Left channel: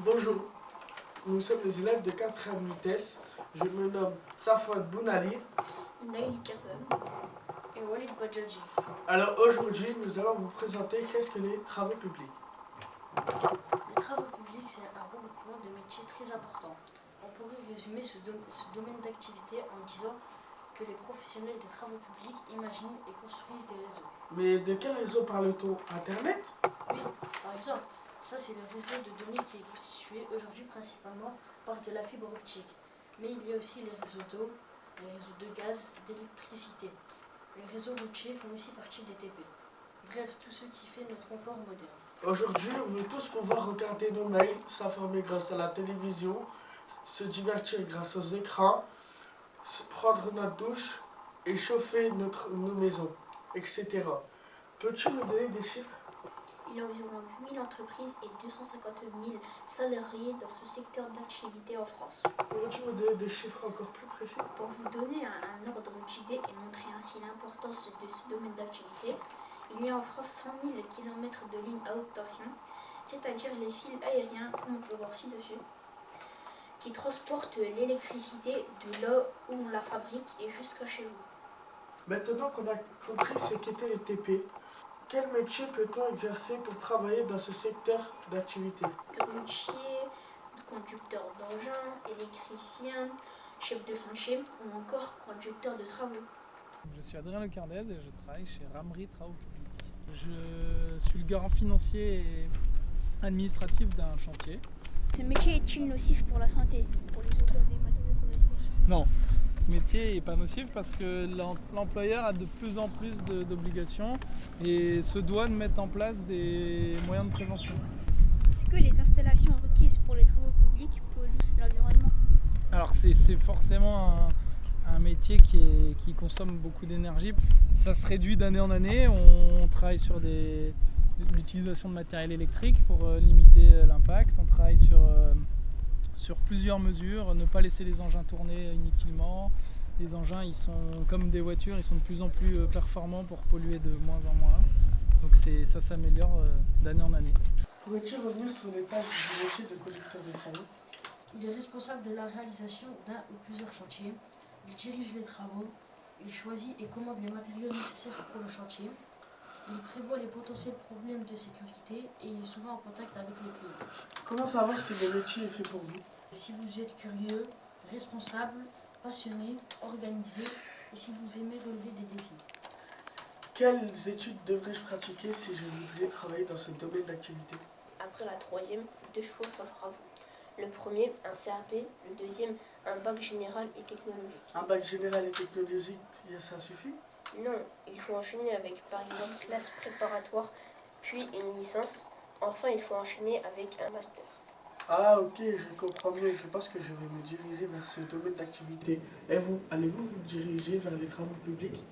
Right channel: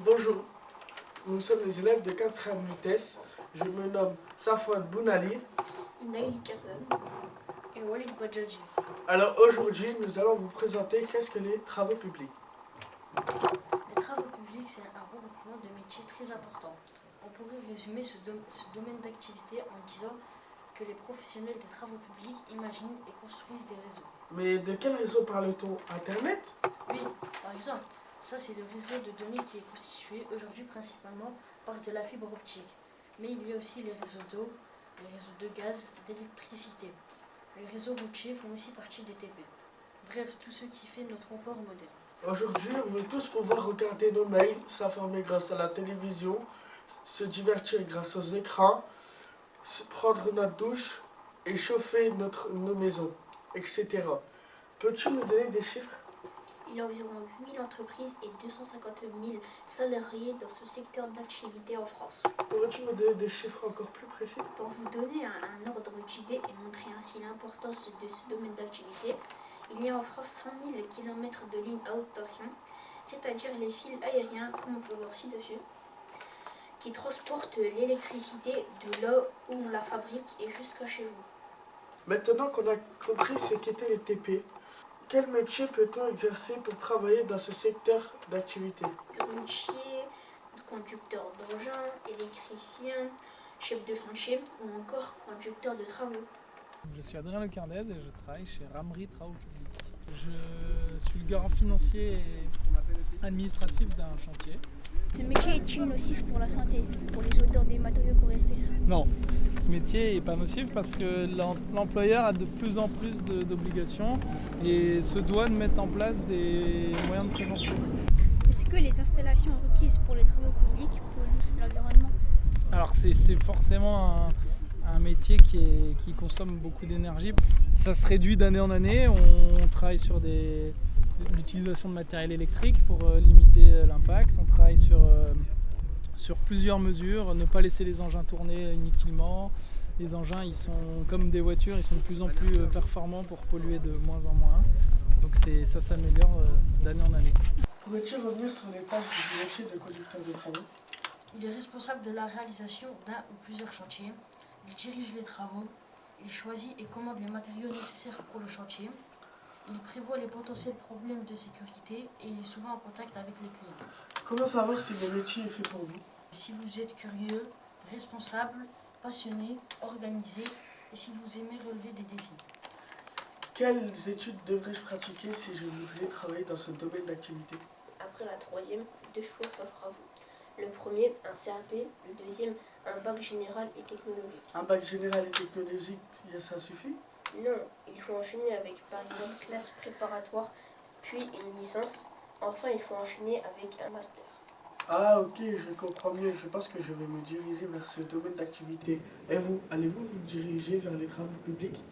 Bonjour, nous sommes les élèves de 4e vitesse. Je me nomme Safouane Bounali. Naïl Kazan et Walid Badjadji. Alors aujourd'hui, nous allons vous présenter qu'est-ce que les travaux publics. Les travaux publics, c'est un regroupement de métiers très important. On pourrait résumer ce domaine d'activité en disant que les professionnels des travaux publics imaginent et construisent des réseaux. Mais de quel réseau parle-t-on? Internet? Oui, par exemple, ça c'est le réseau de données qui est constitué aujourd'hui principalement par de la fibre optique. Mais il y a aussi les réseaux d'eau, les réseaux de gaz, d'électricité. Les réseaux routiers font aussi partie des TP. Bref, tout ce qui fait notre confort moderne. Aujourd'hui, on veut tous pouvoir regarder nos mails, s'informer grâce à la télévision, se divertir grâce aux écrans, prendre notre douche et chauffer nos maisons, etc. Peux-tu me donner des chiffres? Il y a environ 8000 entreprises et 250 000 salariés dans ce secteur d'activité en France. Pourrais-tu me donner des chiffres encore plus précis? Pour vous donner un ordre d'idée et montrer ainsi l'importance de ce domaine d'activité, il y a en France 100 000 km de lignes à haute tension, c'est-à-dire les fils aériens, comme on peut voir ci-dessus, qui transportent l'électricité de là où on la fabrique et jusqu'à chez vous. Maintenant qu'on a compris ce qu'étaient les TP, quel métier peut-on exercer pour travailler dans ce secteur d'activité? Grutier, conducteur d'engin, électricien, chef de chantier ou encore conducteur de travaux. Je suis Adrien Lequardez et je travaille chez Ramri Travaux Publics. Je suis le garant financier et administratif d'un chantier. Ce métier est-il nocif pour la santé, pour les auteurs des matériaux qu'on respire? Non, ce métier n'est pas nocif parce que l'employeur a de plus en plus d'obligations et se doit de mettre en place des moyens de prévention. Est-ce que les installations requises pour les travaux publics polluent l'environnement? Alors c'est forcément un métier qui consomme beaucoup d'énergie. Ça se réduit d'année en année. On travaille sur l'utilisation de matériel électrique pour limiter l'impact. On travaille sur plusieurs mesures, ne pas laisser les engins tourner inutilement. Les engins, ils sont comme des voitures, ils sont de plus en plus performants pour polluer de moins en moins. Donc ça s'améliore d'année en année. Pourrais-tu revenir sur les tâches du métier de conducteur de travaux? Il est responsable de la réalisation d'un ou plusieurs chantiers. Il dirige les travaux, il choisit et commande les matériaux nécessaires pour le chantier. Il prévoit les potentiels problèmes de sécurité et il est souvent en contact avec les clients. Comment savoir si le métier est fait pour vous? Si vous êtes curieux, responsable, passionné, organisé et si vous aimez relever des défis. Quelles études devrais-je pratiquer si je voudrais travailler dans ce domaine d'activité? Après la troisième, deux choix s'offrent à vous. Le premier, un CAP, le deuxième, un bac général et technologique. Un bac général et technologique, ça suffit? Non, il faut enchaîner avec par exemple classe préparatoire, puis une licence. Enfin, il faut enchaîner avec un master. Ah ok, je comprends mieux. Je pense que je vais me diriger vers ce domaine d'activité. Et vous, allez-vous vous diriger vers les travaux publics?